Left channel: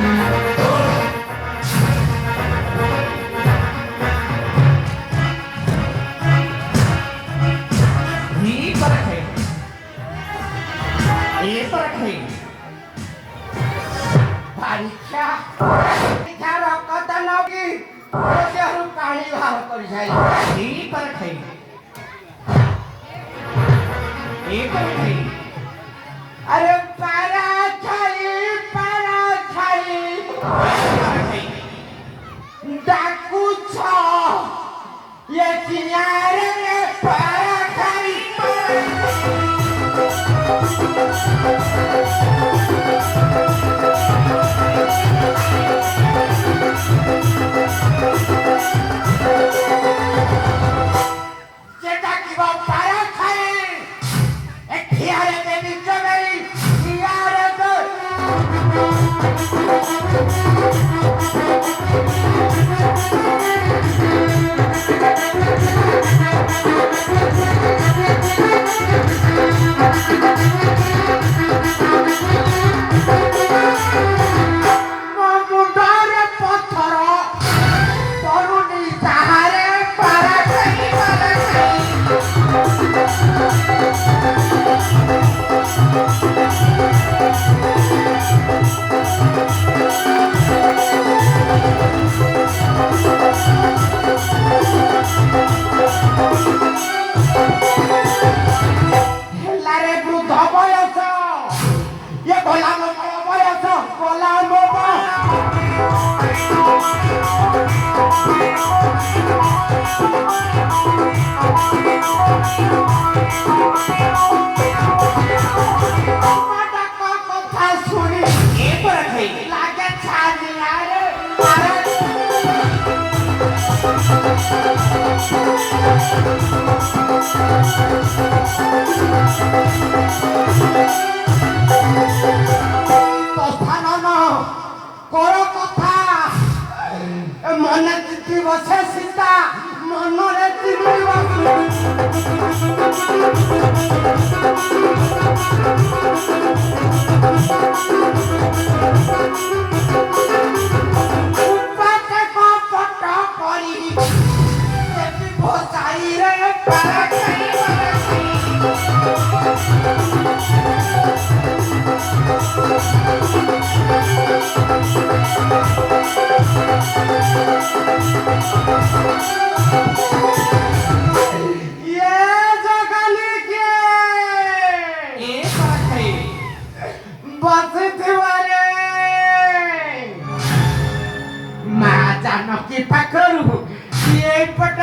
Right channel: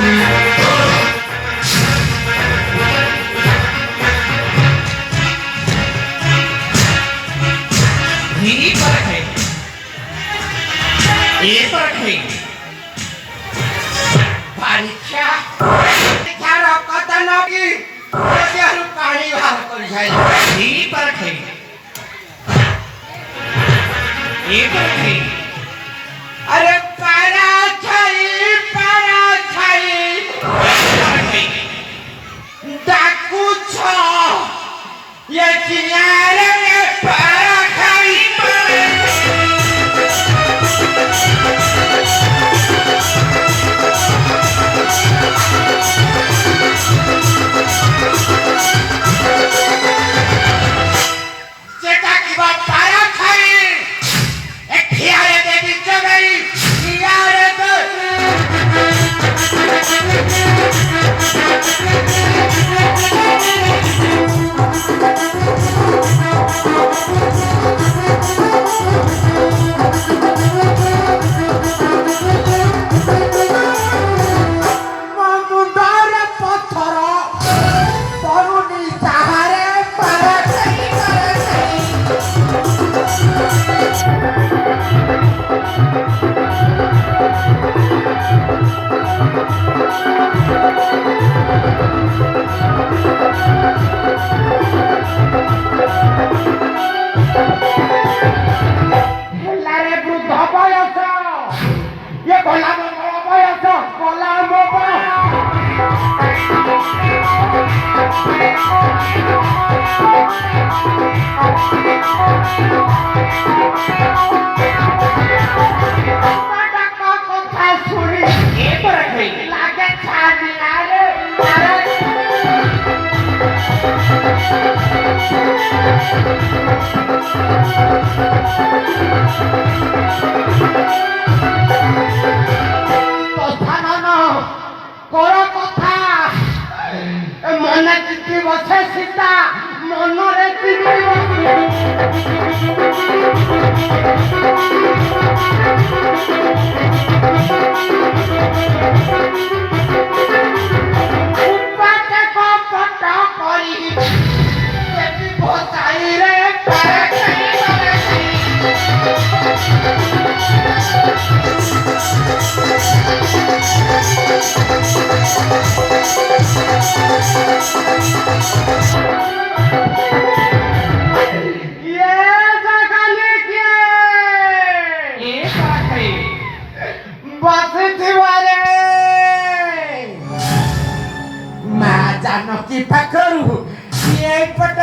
ही फर्क है, ये फर्क है। परीक्षा परीक्षार कथा नकी ओजेहरु पानी बाहर कर जाय ही फर्क है, ये फर्क है। अरे पारा छाई डाकू छ ये किनारे में पारा खाई जेटा की बात पारा खाई एक खियारे दे दी गई खियारे तो जानकी पकड़ू ये पट